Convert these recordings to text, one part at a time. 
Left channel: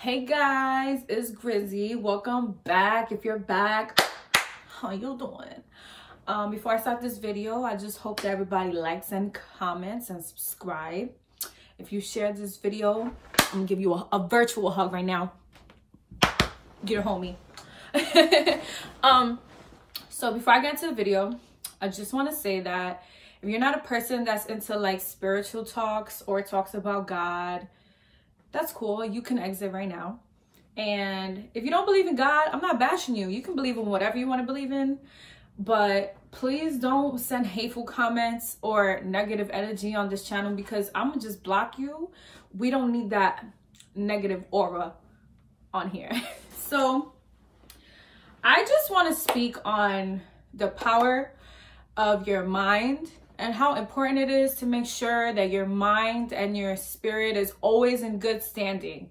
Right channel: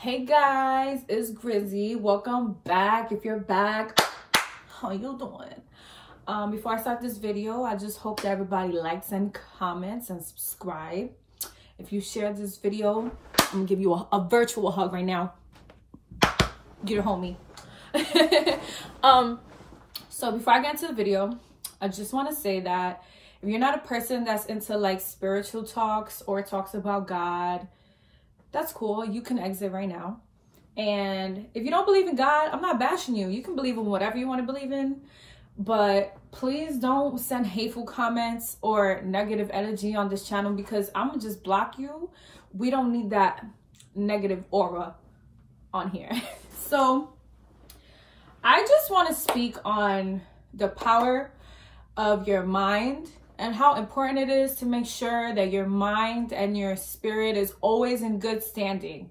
Hey guys, it's Grizzy. Welcome back. If you're back, how you doing? Before I start this video, I just hope that everybody likes and comments and subscribe. If you share this video, I'm gonna give you a virtual hug right now. Get a homie. So before I get into the video, I just want to say that if you're not a person that's into like spiritual talks or talks about God, that's cool. You can exit right now. And if you don't believe in God, I'm not bashing you. You can believe in whatever you want to believe in, but please don't send hateful comments or negative energy on this channel because I'm gonna just block you. We don't need that negative aura on here. So I just want to speak on the power of your mind and how important it is to make sure that your mind and your spirit is always in good standing.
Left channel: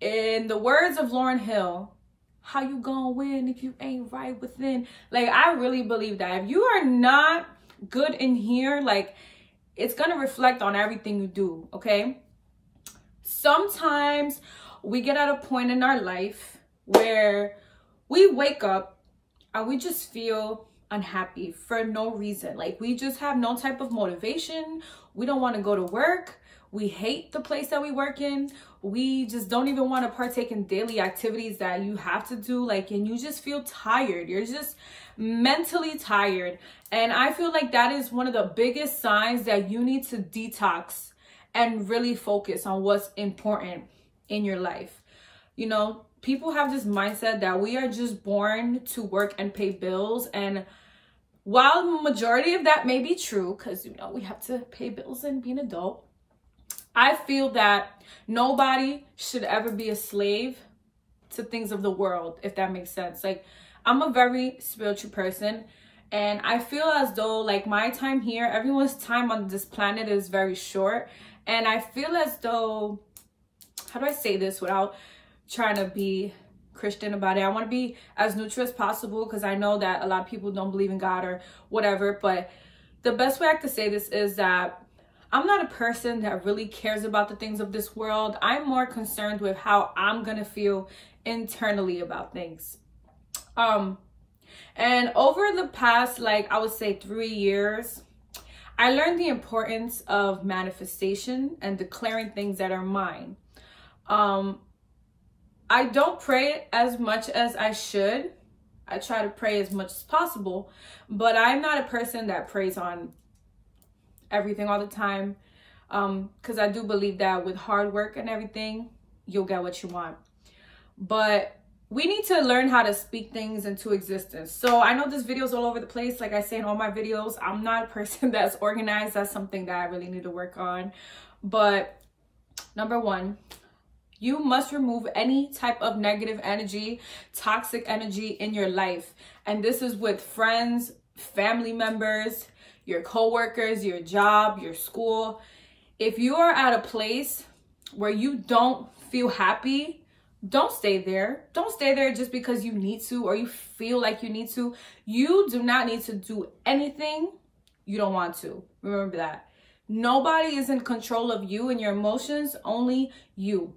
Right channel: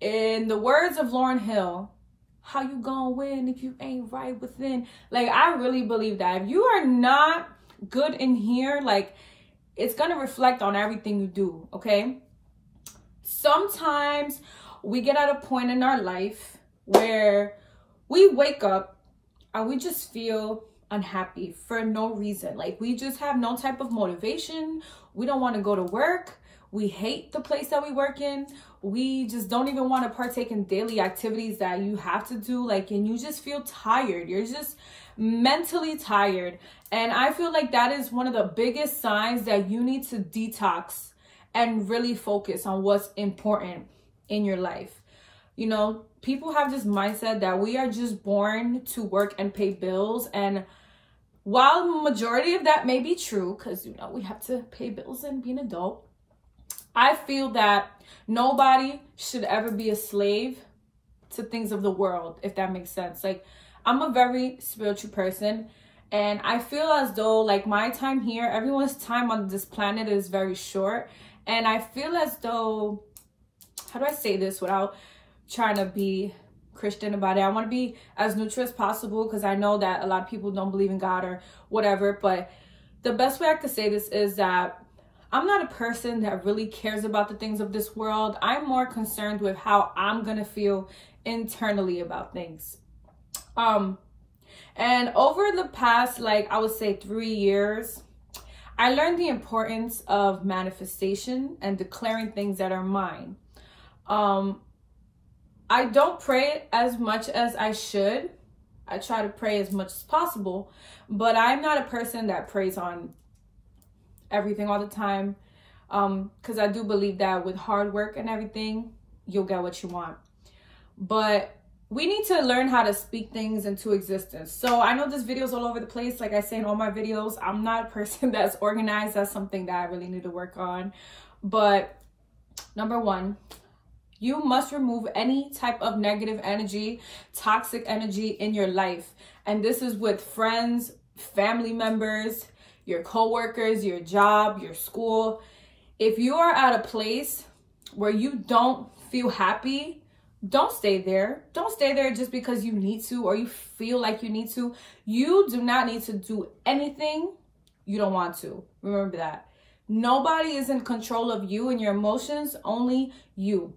In the words of Lauryn Hill, how you gonna win if you ain't right within? Like, I really believe that if you are not good in here, like, it's gonna reflect on everything you do, okay? Sometimes we get at a point in our life where we wake up and we just feel unhappy for no reason. Like, we just have no type of motivation. We don't want to go to work. We hate the place that we work in. We just don't even want to partake in daily activities that you have to do. Like, and you just feel tired. You're just mentally tired. And I feel like that is one of the biggest signs that you need to detox and really focus on what's important in your life. You know, people have this mindset that we are just born to work and pay bills. And while the majority of that may be true, because, you know, we have to pay bills and be an adult, I feel that nobody should ever be a slave to things of the world, if that makes sense. Like, I'm a very spiritual person, and I feel as though, like, my time here, everyone's time on this planet is very short. And I feel as though, how do I say this without trying to be Christian about it? I want to be as neutral as possible because I know that a lot of people don't believe in God or whatever, but the best way I could say this is that I'm not a person that really cares about the things of this world. I'm more concerned with how I'm gonna feel internally about things. And over the past, like, I would say 3 years, I learned the importance of manifestation and declaring things that are mine. I don't pray as much as I should. I try to pray as much as possible, but I'm not a person that prays on everything all the time, because I do believe that with hard work and everything, you'll get what you want. But we need to learn how to speak things into existence. So I know this video is all over the place. Like I say in all my videos, I'm not a person that's organized. That's something that I really need to work on. But number one, you must remove any type of negative energy, toxic energy in your life. And this is with friends, family members, your coworkers, your job, your school. If you are at a place where you don't feel happy, don't stay there. Don't stay there just because you need to or you feel like you need to. You do not need to do anything you don't want to. Remember that. Nobody is in control of you and your emotions, only you.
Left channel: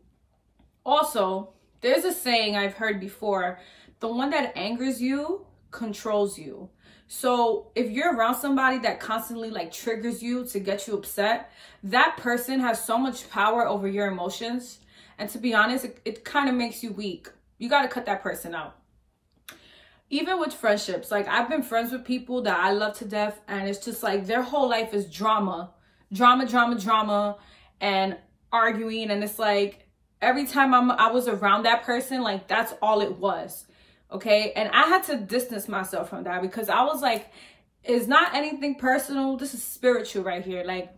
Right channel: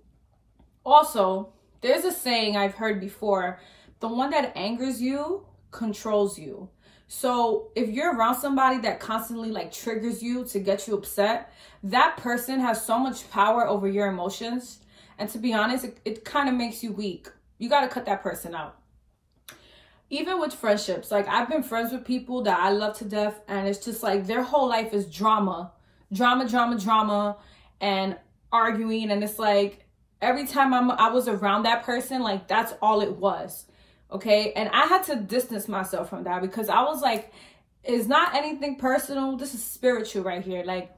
Also, there's a saying I've heard before, the one that angers you controls you. So if you're around somebody that constantly like triggers you to get you upset, that person has so much power over your emotions. And to be honest, it kind of makes you weak. You got to cut that person out. Even with friendships, like, I've been friends with people that I love to death, and it's just like their whole life is drama, and arguing. And it's like, every time I was around that person, like, that's all it was. Okay. And I had to distance myself from that because I was like, it's not anything personal. This is spiritual right here. Like,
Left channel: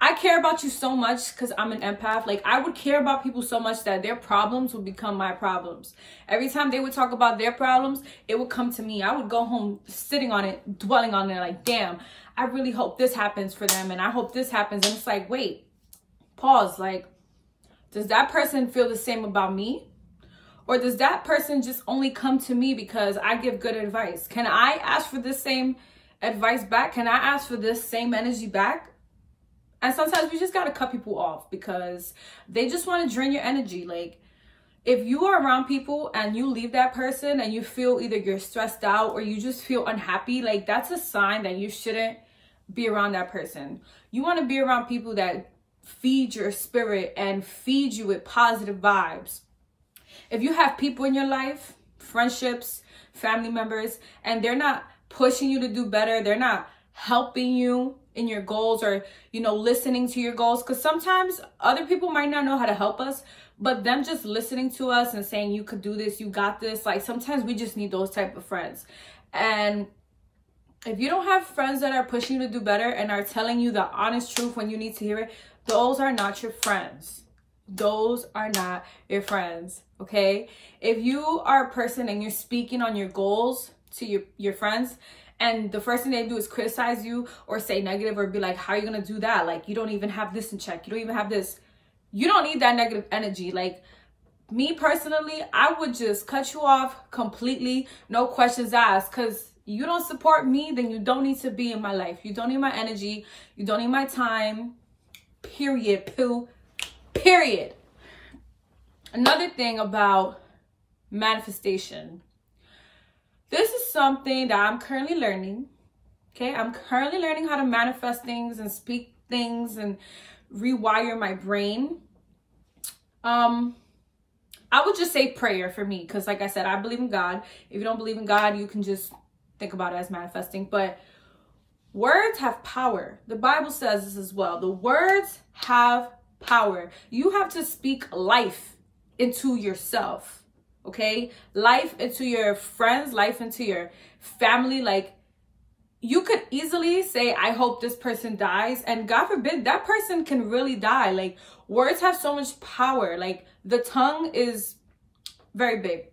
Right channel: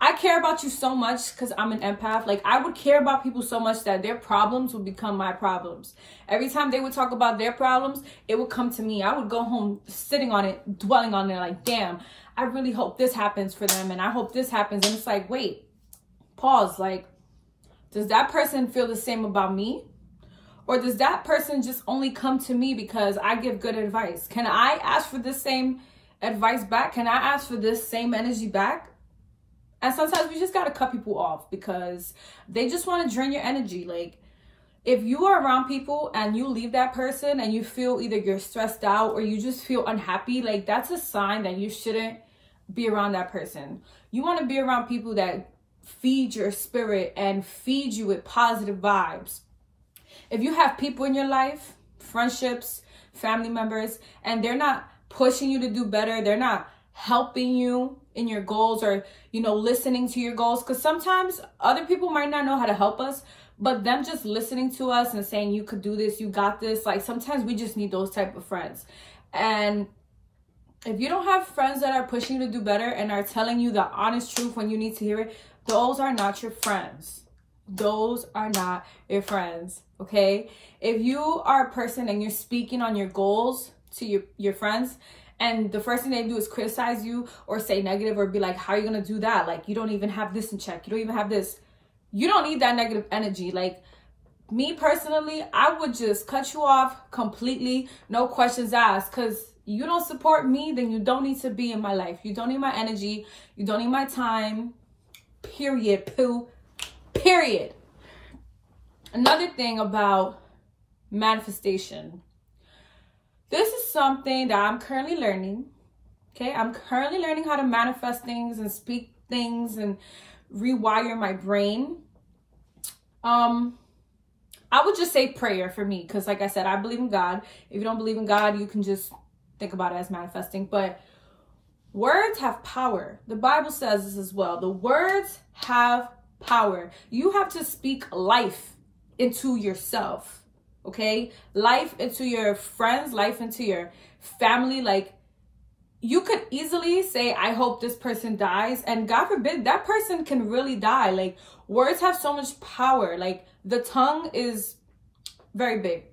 I care about you so much because I'm an empath. Like, I would care about people so much that their problems would become my problems. Every time they would talk about their problems, it would come to me. I would go home sitting on it, dwelling on it, like, damn, I really hope this happens for them. And I hope this happens. And it's like, wait, pause. Like, does that person feel the same about me? Or does that person just only come to me because I give good advice? Can I ask for this same advice back? Can I ask for this same energy back? And sometimes we just got to cut people off because they just want to drain your energy. Like, if you are around people and you leave that person and you feel either you're stressed out or you just feel unhappy, like that's a sign that you shouldn't be around that person. You want to be around people that feed your spirit and feed you with positive vibes. If you have people in your life, friendships, family members, and they're not pushing you to do better, they're not helping you in your goals or, you know, listening to your goals, because sometimes other people might not know how to help us, but them just listening to us and saying you could do this, you got this, like sometimes we just need those type of friends. And if you don't have friends that are pushing you to do better and are telling you the honest truth when you need to hear it, those are not your friends. Those are not your friends, okay? If you are a person and you're speaking on your goals to your friends, and the first thing they do is criticize you or say negative or be like, how are you going to do that? Like, you don't even have this in check. You don't even have this. You don't need that negative energy. Like, me personally, I would just cut you off completely. No questions asked. Because you don't support me, then you don't need to be in my life. You don't need my energy. You don't need my time. Period. Period. Another thing about manifestation. This is something that I'm currently learning. Okay, I'm currently learning how to manifest things and speak things and rewire my brain. I would just say prayer for me, because like I said, I believe in God. If you don't believe in God, you can just think about it as manifesting. But words have power. The Bible says this as well. The words have power. You have to speak life into yourself. Okay, life into your friends, life into your family. Like, you could easily say, I hope this person dies, and God forbid that person can really die. Like, words have so much power. Like, the tongue is very big.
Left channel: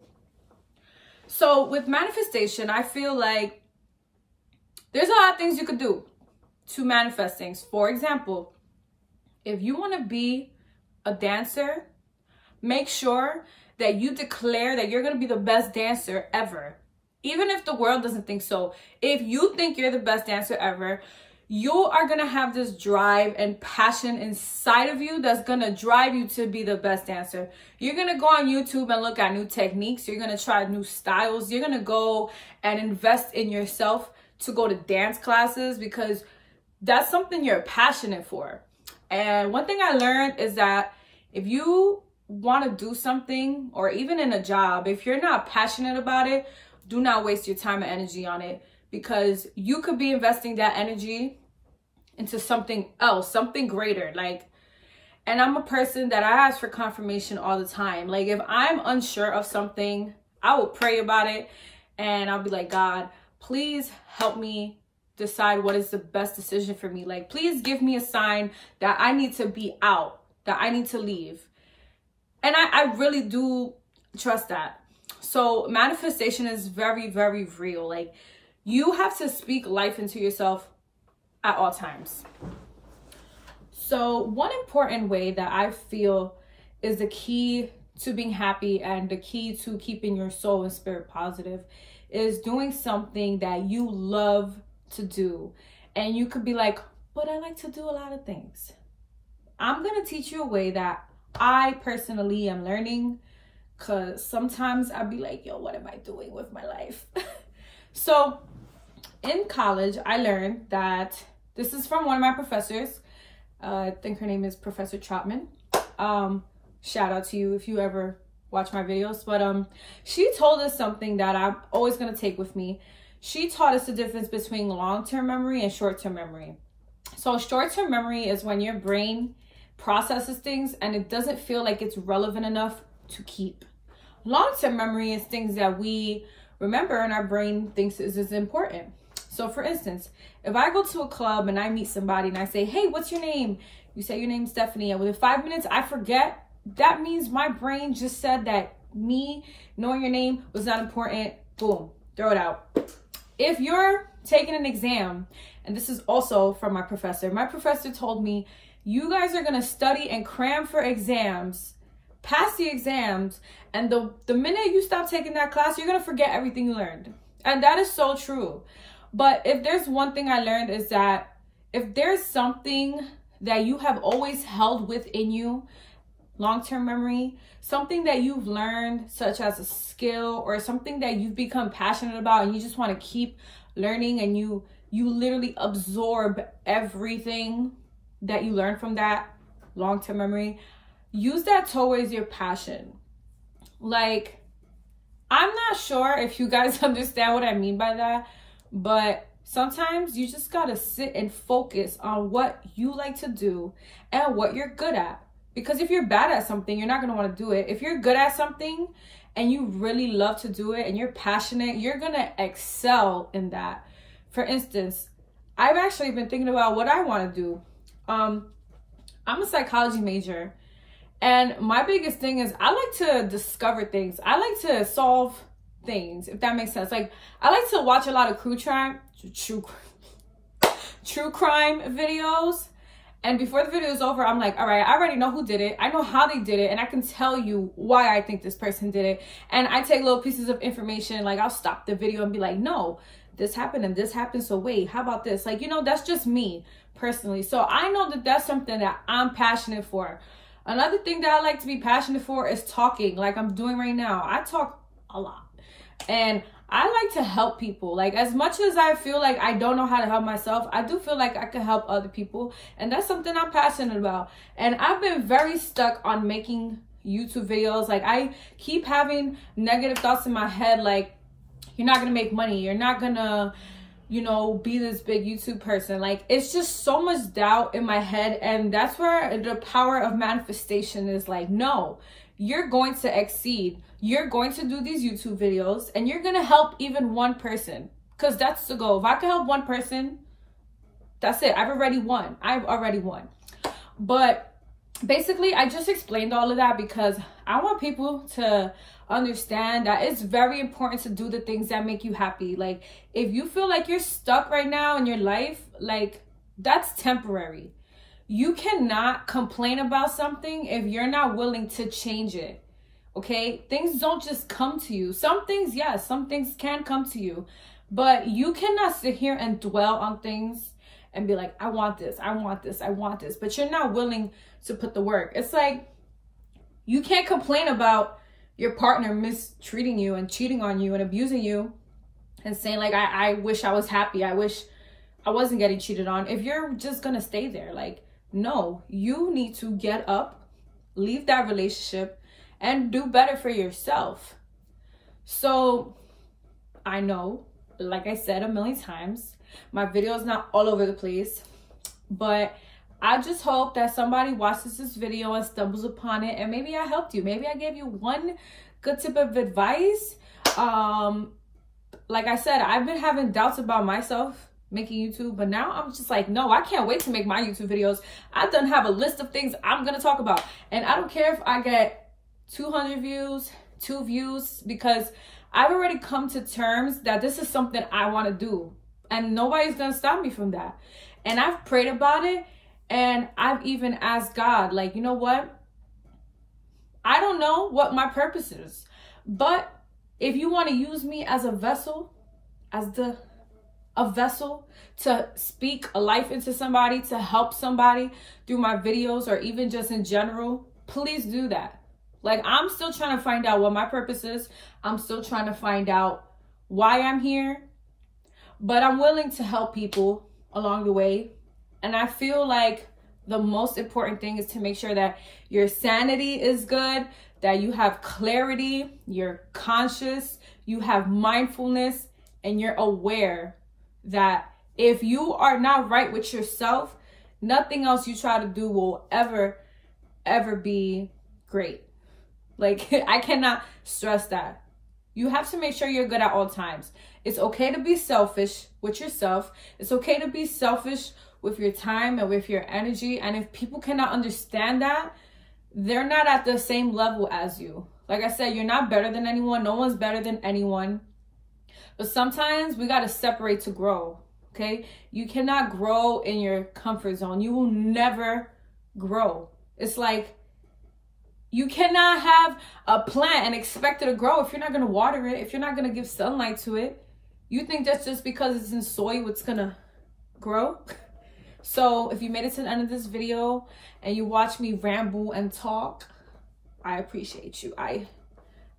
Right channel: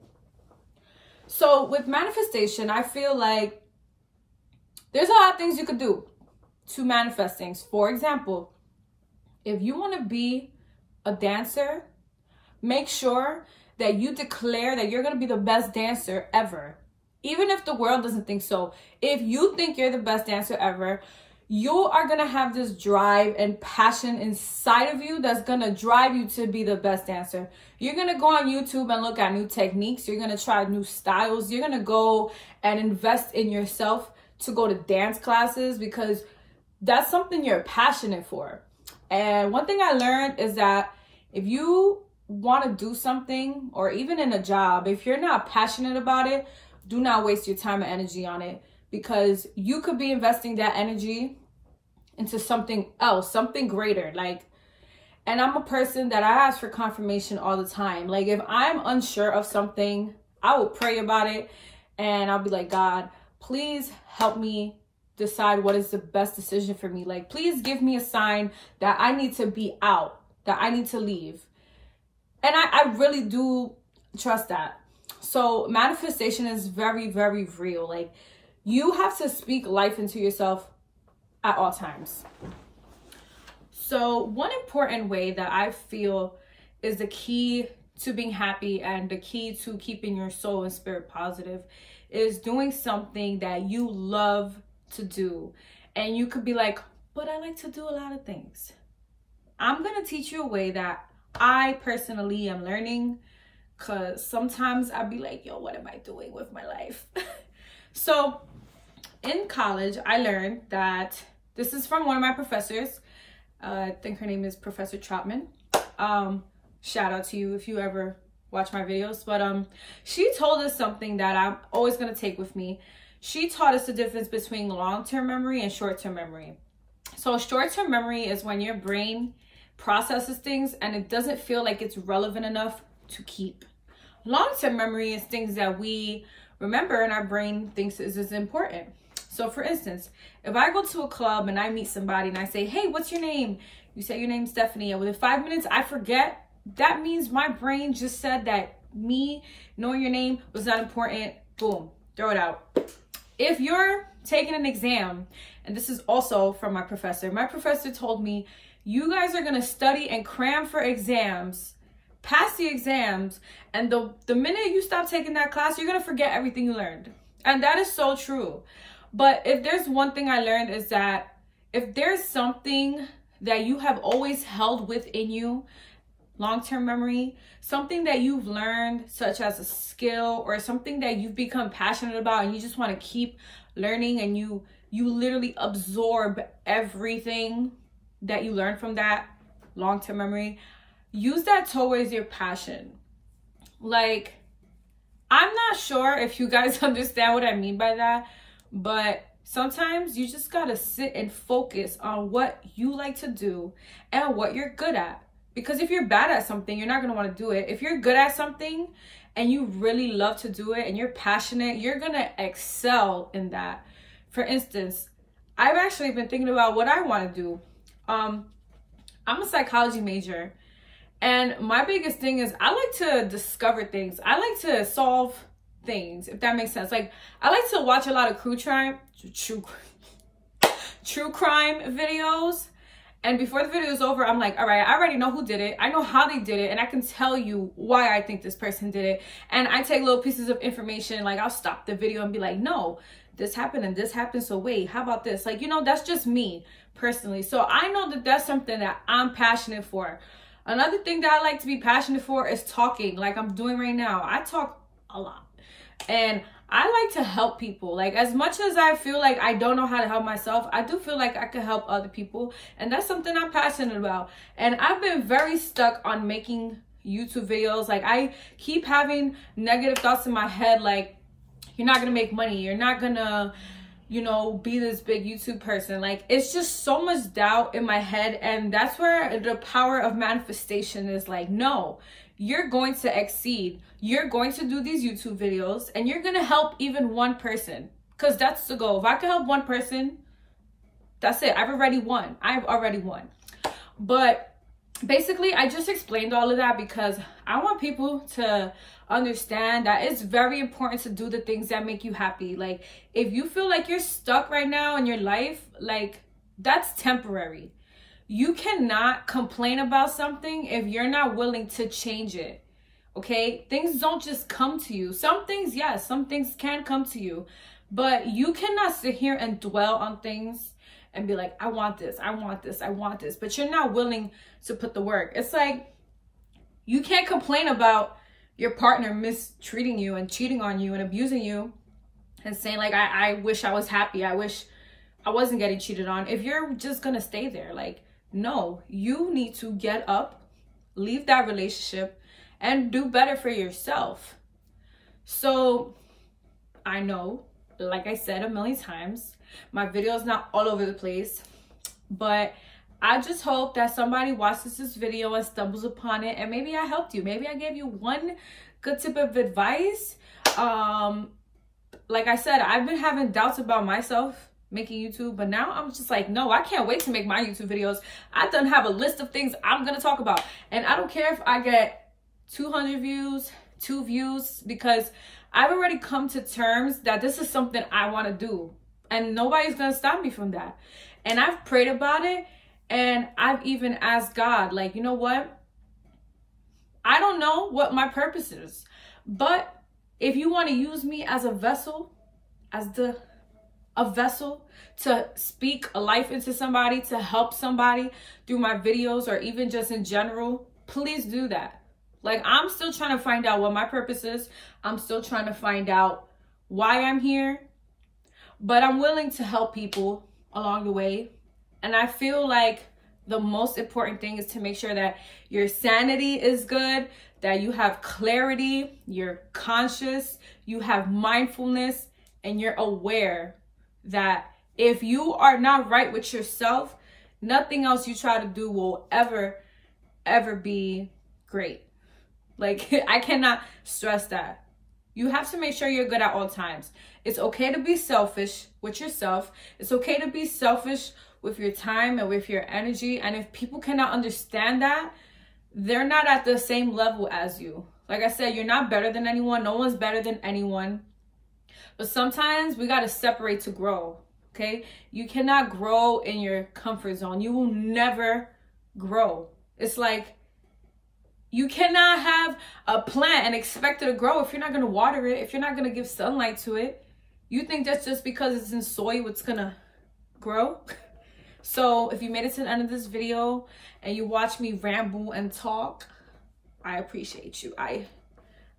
So with manifestation, I feel like there's a lot of things you could do to manifest things. For example, if you want to be a dancer, make sure that you declare that you're going to be the best dancer ever. Even if the world doesn't think so. If you think you're the best dancer ever, you are going to have this drive and passion inside of you that's going to drive you to be the best dancer. You're going to go on YouTube and look at new techniques. You're going to try new styles. You're going to go and invest in yourself to go to dance classes, because that's something you're passionate for. And one thing I learned is that if you want to do something, or even in a job, if you're not passionate about it, do not waste your time and energy on it, because you could be investing that energy into something else, something greater. Like, and I'm a person that I ask for confirmation all the time. Like, if I'm unsure of something, I will pray about it and I'll be like, God, please help me decide what is the best decision for me. Like, please give me a sign that I need to be out, that I need to leave. And I really do trust that. So manifestation is very, very real. Like, you have to speak life into yourself at all times. So one important way that I feel is the key to being happy and the key to keeping your soul and spirit positive is doing something that you love to do. And you could be like, but I like to do a lot of things. I'm going to teach you a way that I personally am learning, because sometimes I'd be like, yo, what am I doing with my life? So in college, I learned that, this is from one of my professors. I think her name is Professor Trotman. Shout out to you if you ever watch my videos. But she told us something that I'm always going to take with me. She taught us the difference between long-term memory and short-term memory. So short-term memory is when your brain processes things and it doesn't feel like it's relevant enough to keep. Long-term memory is things that we remember and our brain thinks is important. So for instance, if I go to a club and I meet somebody and I say, hey, what's your name? You say your name's Stephanie, and within 5 minutes I forget, that means my brain just said that me knowing your name was not important. Boom, throw it out. If you're taking an exam, and this is also from my professor told me, you guys are going to study and cram for exams, pass the exams, and the minute you stop taking that class, you're going to forget everything you learned. And that is so true. But if there's one thing I learned is that if there's something that you have always held within you, long-term memory, something that you've learned, such as a skill or something that you've become passionate about and you just want to keep learning, and you literally absorb everything that you learn from that long-term memory, use that towards your passion. Like, I'm not sure if you guys understand what I mean by that, but sometimes you just gotta sit and focus on what you like to do and what you're good at. Because if you're bad at something, you're not gonna wanna do it. If you're good at something and you really love to do it and you're passionate, you're gonna excel in that. For instance, I've actually been thinking about what I wanna do. I'm a psychology major, and my biggest thing is I like to discover things. I like to solve things, if that makes sense. Like, I like to watch a lot of true crime videos, and before the video is over, I'm like, all right, I already know who did it, I know how they did it, and I can tell you why I think this person did it. And I take little pieces of information, like I'll stop the video and be like, no, this happened and this happened, so wait, how about this? Like, you know, that's just me personally. So I know that that's something that I'm passionate for. Another thing that I like to be passionate for is talking, like I'm doing right now. I talk a lot, and I like to help people. Like, as much as I feel like I don't know how to help myself, I do feel like I can help other people, and that's something I'm passionate about. And I've been very stuck on making YouTube videos. Like, I keep having negative thoughts in my head, like, you're not gonna make money, you're not gonna, you know, be this big YouTube person. Like, it's just so much doubt in my head, and that's where the power of manifestation is. Like, no, you're going to exceed. You're going to do these YouTube videos and you're gonna help even one person, because that's the goal. If I can help one person, that's it. I've already won. But basically, I just explained all of that because I want people to understand that it's very important to do the things that make you happy. Like, if you feel like you're stuck right now in your life, like, that's temporary. You cannot complain about something if you're not willing to change it. Okay, things don't just come to you. Some things, yes, some things can come to you, but you cannot sit here and dwell on things and be like, I want this, I want this, I want this, but you're not willing to put the work. It's like, you can't complain about your partner mistreating you and cheating on you and abusing you and saying like, I wish I was happy, I wish I wasn't getting cheated on, if you're just gonna stay there. Like, no, you need to get up, leave that relationship, and do better for yourself. So I know, like I said a million times, my video is not all over the place, but I just hope that somebody watches this video and stumbles upon it, and maybe I helped you. Maybe I gave you one good tip of advice. Like I said, I've been having doubts about myself making YouTube, but now I'm just like, no, I can't wait to make my YouTube videos. I done have a list of things I'm gonna talk about, and I don't care if I get 200 views, 2 views, because I've already come to terms that this is something I want to do, and nobody's gonna stop me from that. And I've prayed about it, and I've even asked God, like, you know what, I don't know what my purpose is, but if you want to use me as a vessel, a vessel to speak a life into somebody, to help somebody through my videos, or even just in general, please do that. Like, I'm still trying to find out what my purpose is. I'm still trying to find out why I'm here, but I'm willing to help people along the way. And I feel like the most important thing is to make sure that your sanity is good, that you have clarity, you're conscious, you have mindfulness, and you're aware that if you are not right with yourself, nothing else you try to do will ever be great. Like, I cannot stress that. You have to make sure you're good at all times. It's okay to be selfish with yourself. It's okay to be selfish with your time and with your energy. And if people cannot understand that, they're not at the same level as you. Like I said, you're not better than anyone. No one's better than anyone. But sometimes we got to separate to grow, okay? You cannot grow in your comfort zone. You will never grow. It's like, you cannot have a plant and expect it to grow if you're not going to water it, if you're not going to give sunlight to it. You think that's just because it's in soil it's going to grow? So if you made it to the end of this video and you watch me ramble and talk, I appreciate you. I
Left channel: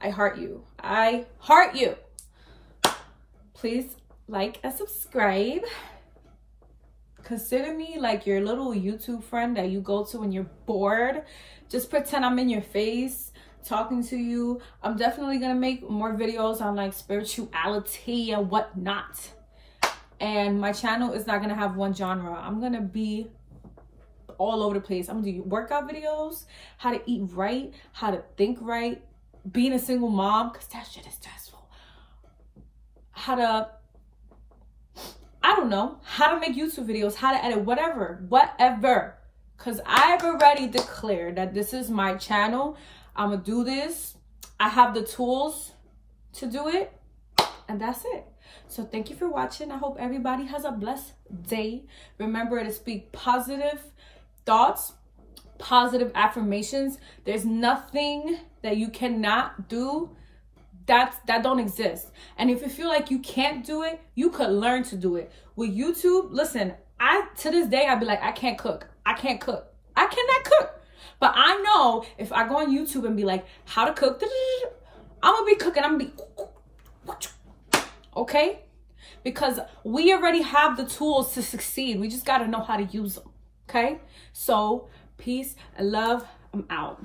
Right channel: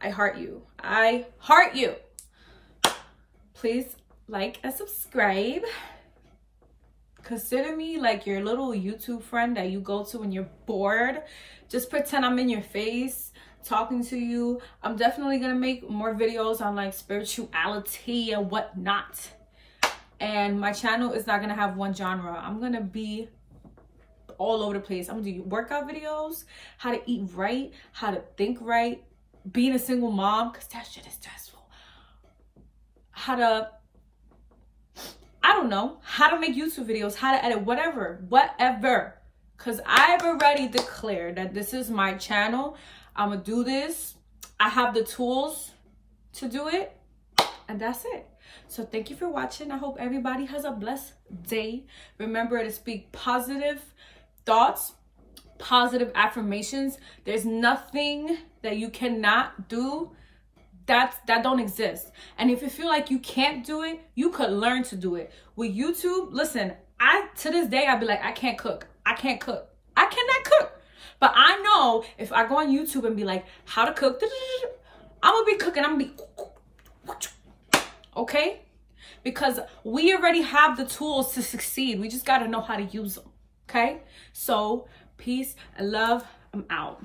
heart you. I heart you. Please like and subscribe. Consider me like your little YouTube friend that you go to when you're bored. Just pretend I'm in your face talking to you. I'm definitely gonna make more videos on like spirituality and whatnot. And my channel is not gonna have one genre. I'm gonna be all over the place. I'm gonna do workout videos, how to eat right, how to think right, being a single mom, because that shit is stressful. How to, I don't know, how to make YouTube videos, how to edit, whatever. Because I've already declared that this is my channel. I'm gonna do this. I have the tools to do it. And that's it. So thank you for watching. I hope everybody has a blessed day. Remember to speak positive thoughts, positive affirmations. There's nothing that you cannot do that don't exist. And if you feel like you can't do it, you could learn to do it. With YouTube, listen, to this day, I'd be like, I can't cook. I can't cook. I cannot cook. But I know if I go on YouTube and be like, how to cook, I'm gonna be cooking. I'm gonna be, okay? Because we already have the tools to succeed. We just gotta know how to use them, okay? So, peace and love. I'm out.